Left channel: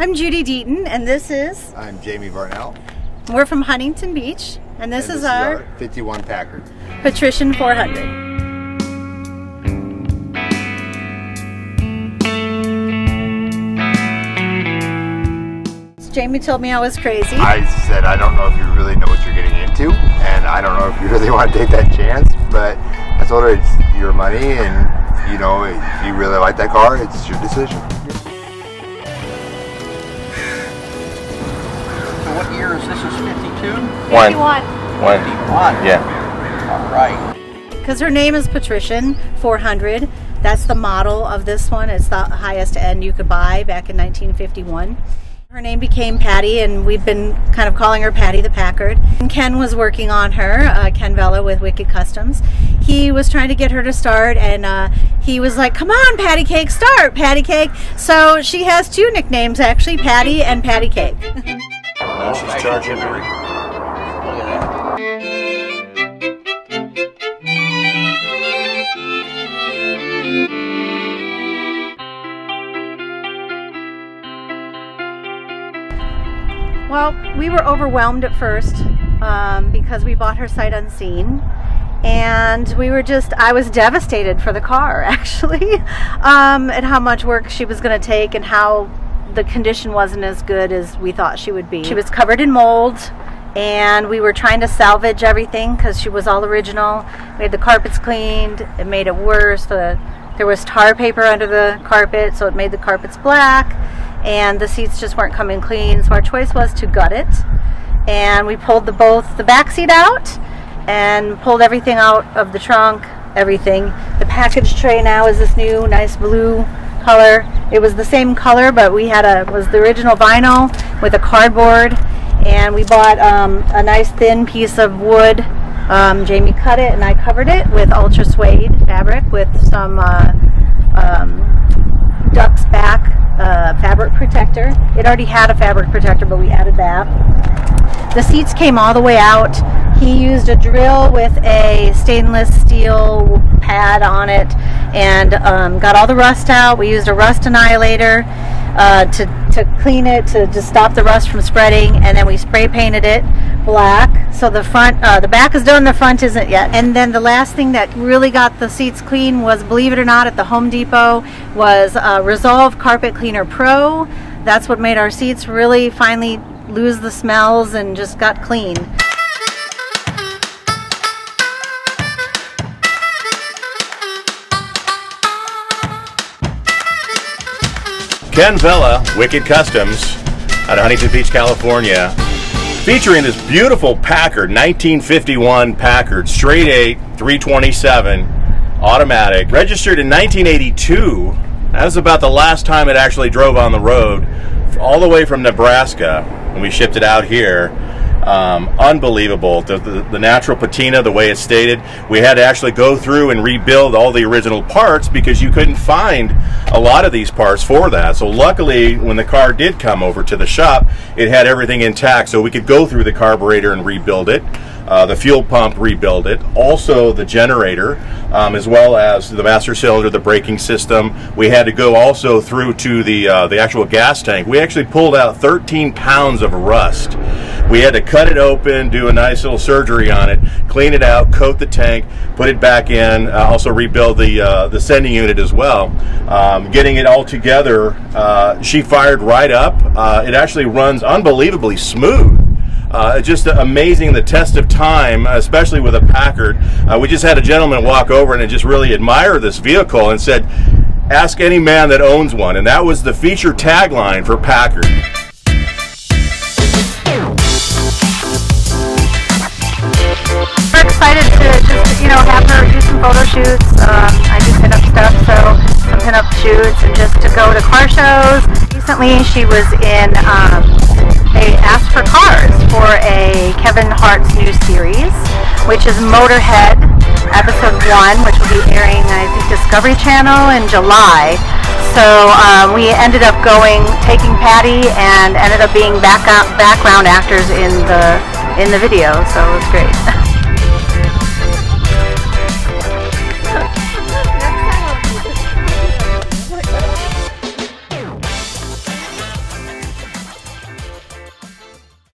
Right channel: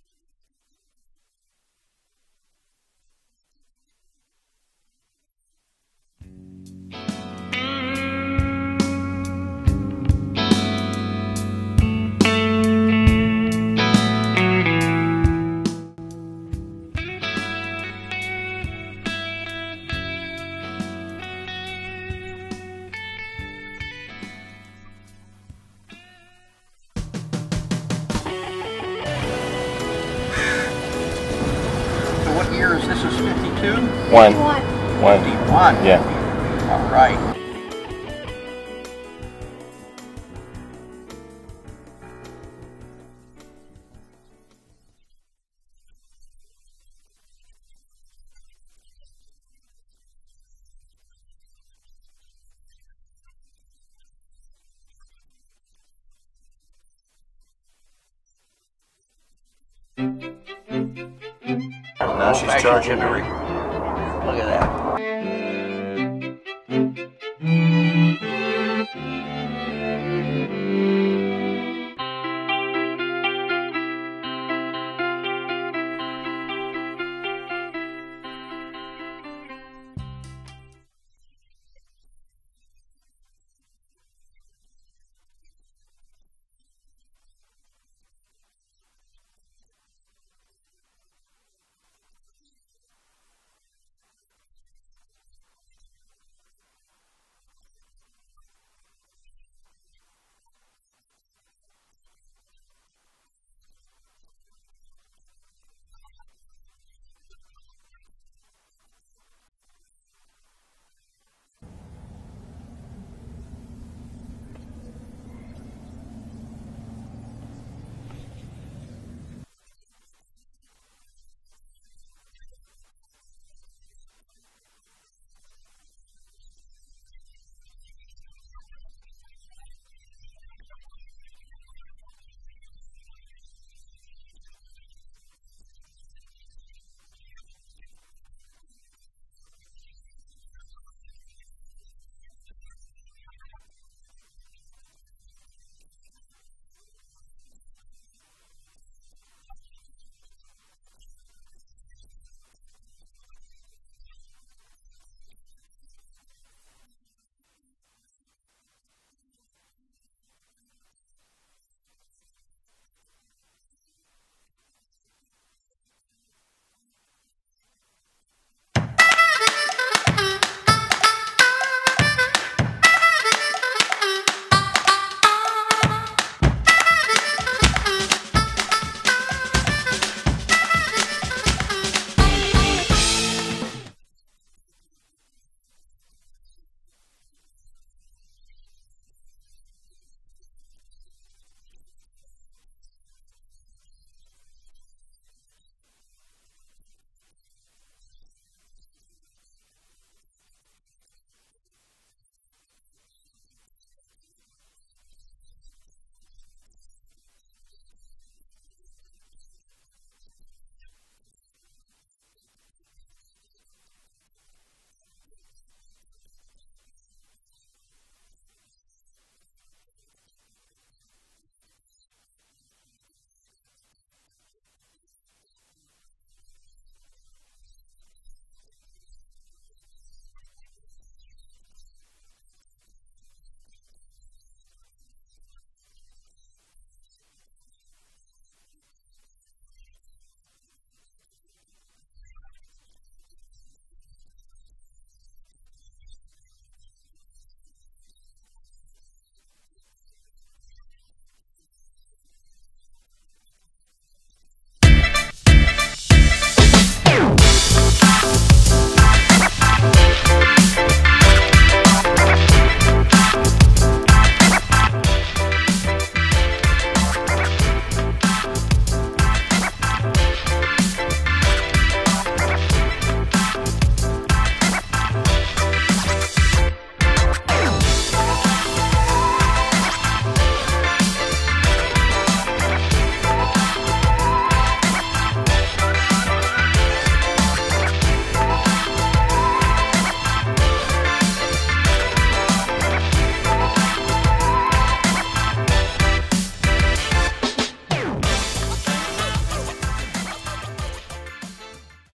I'm Judy Deaton, and this is... I'm Jaime Varnell. We're from Huntington Beach, and this is our 51 Packard Patrician 400. Jaime told me I was crazy. I said, I don't know if you really know what you're getting into, and I don't know if you really want to take that chance, but I told her it's your money, and you know, if you really like that car, it's your decision. So what year is this? Is 52? 51. 51. Yeah. All right. Because her name is Patrician 400. That's the model of this one. It's the highest end you could buy back in 1951. Her name became Patty, and we've been kind of calling her Patty the Packard. And Ken was working on her, Ken Vela with WIKD Customs. He was trying to get her to start, and he was like, come on, Patty Cake, start, Patty Cake. So she has two nicknames, actually, Patty and Patty Cake. Now she's charging her. Look at that. Well, we were overwhelmed at first because we bought her sight unseen, and I was devastated for the car, actually, and how much work she was going to take and how the condition wasn't as good as we thought she would be. She was covered in mold, and we were trying to salvage everything because she was all original. We had the carpets cleaned. It made it worse. There was tar paper under the carpet, so it made the carpets black, and the seats just weren't coming clean. So our choice was to gut it, and we pulled both the back seat out and pulled everything out of the trunk, everything. The package tray now is this new nice blue color. It was the same color, but we had was the original vinyl with a cardboard, and we bought a nice thin piece of wood. Jaime cut it, and I covered it with ultra suede fabric with some duck's back fabric protector. It already had a fabric protector, but we added that. The seats came all the way out. He used a drill with a stainless steel pad on it and got all the rust out. We used a rust annihilator to clean it, to just stop the rust from spreading, and then we spray painted it black. So the front, the back is done, the front isn't yet. And then the last thing that really got the seats clean was, believe it or not, at the Home Depot was Resolve Carpet Cleaner Pro. That's what made our seats really finally lose the smells and just got clean. Ken Vela, WIKD Customs, out of Huntington Beach, California, featuring this beautiful Packard, 1951 Packard, straight 8, 327, automatic, registered in 1982. That was about the last time it actually drove on the road, all the way from Nebraska, and we shipped it out here. Unbelievable. The natural patina, the way it's stated, we had to actually go through and rebuild all the original parts because you couldn't find a lot of these parts for that. So luckily, when the car did come over to the shop, it had everything intact, so we could go through the carburetor and rebuild it. The fuel pump, rebuild it. Also the generator, as well as the master cylinder, the braking system. We had to go also through to the actual gas tank. We actually pulled out 13 pounds of rust. We had to cut it open, do a nice little surgery on it, clean it out, coat the tank, put it back in, also rebuild the sending unit as well. Getting it all together, she fired right up. It actually runs unbelievably smooth. Just amazing, the test of time, especially with a Packard. We just had a gentleman walk over and just really admire this vehicle and said, ask any man that owns one. And that was the feature tagline for Packard. We're excited to just, have her do some photo shoots. I do pin-up stuff, so some pin-up shoots, and just to go to car shows. Recently, she was in, they asked for cars for a Kevin Hart's new series, which is Motorhead, episode 1, which will be airing, I think, Discovery Channel in July. So we ended up taking Patty, and ended up being background actors in the video, so it was great.